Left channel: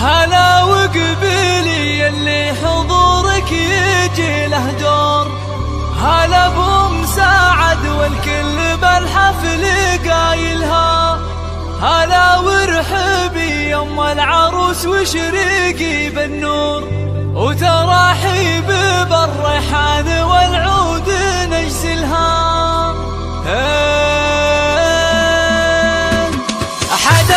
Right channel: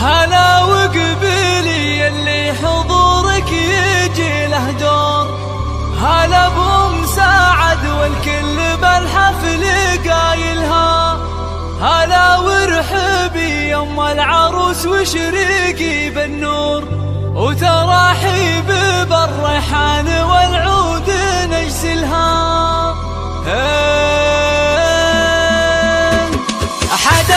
هلا وقبيلي اللي حضورك يجي له دور، هلا بأم سعد والكل بالحفل قايلها، هلا وارحبي يا ام العروس وشريقي بالنور، وتراحيب بالريحان والعود نجزلها. أحد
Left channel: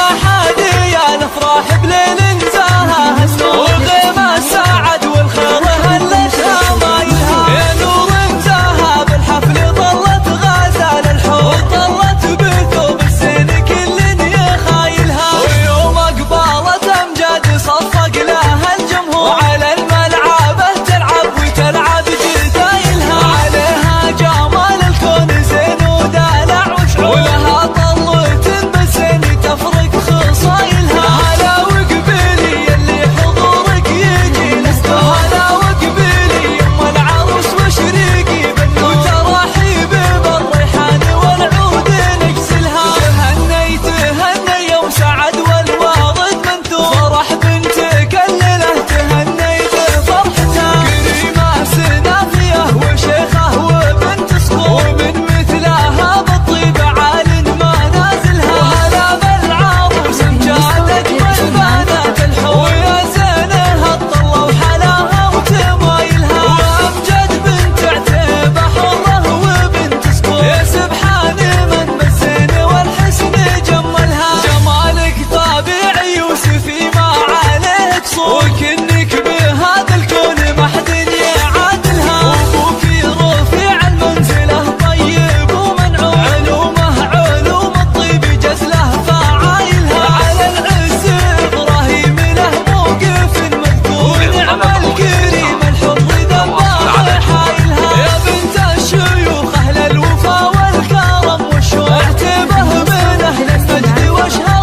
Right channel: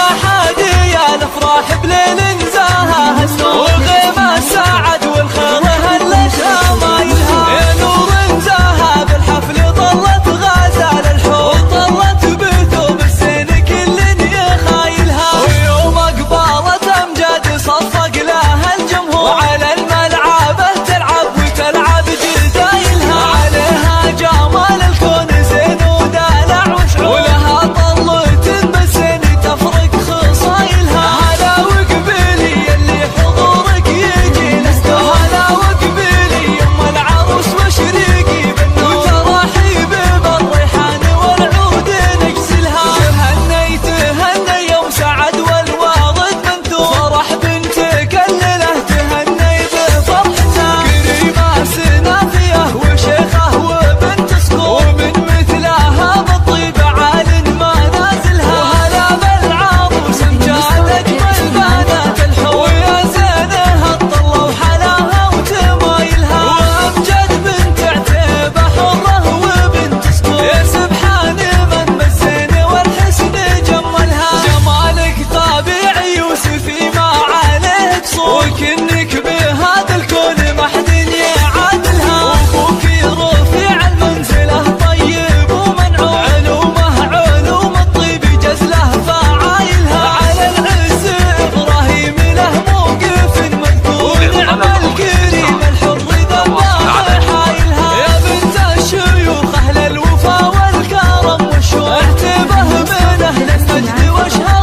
يا الافراح بليل نزاها وغيمة سعد والخير هلتها مايلها، يا نور نزاها بالحفل ظلت غازة للحب، ظلت بثوب السن كل يخايلها، ويوم قبالة امجاد صفق لها الجمهور، وعلى الملعبة تلعب وتلعب جدايلها، عليها جمال الكون زين ودلع وشعور، ولها طلة بسن تفرق خصايلها. هلا وقبيلي اللي حضورك يجي له، هلا وقبيلي يم العروس وشريقي بالنور، وتراحيب بالريحان والعود نجزلها. تهني تهني يوم سعد والوارد منثور، فرح بنتك الليله تهني بفرحته، كريمه سنافيه وشيخه وبنت صقور، ومن مثلها بالطيب عال ما نازلها، وهلا بالعروس امجاد اجمل بنات الحور، ويا زينها الطله وحلاها وتمايلها، وامجد بنت عتيبه حره وبنت صقور، يا سبحان من بالزين والحسن جملها، جمالك طبيعي يوسفي ما عليه قصور، وكنك بهذا الكون ما حد يعادلها، وابوك رفيع المنزله طيب ومنعوم، علومه علوم الطيب جزله فعايلها، على العز ابراهيم له موقف مذكور، ونعم الكريم الحر ذبها حايلها، يا بنت الشيوخ اهل الوفا والكرم والشوق، اعتبه من اهل المجد واشهر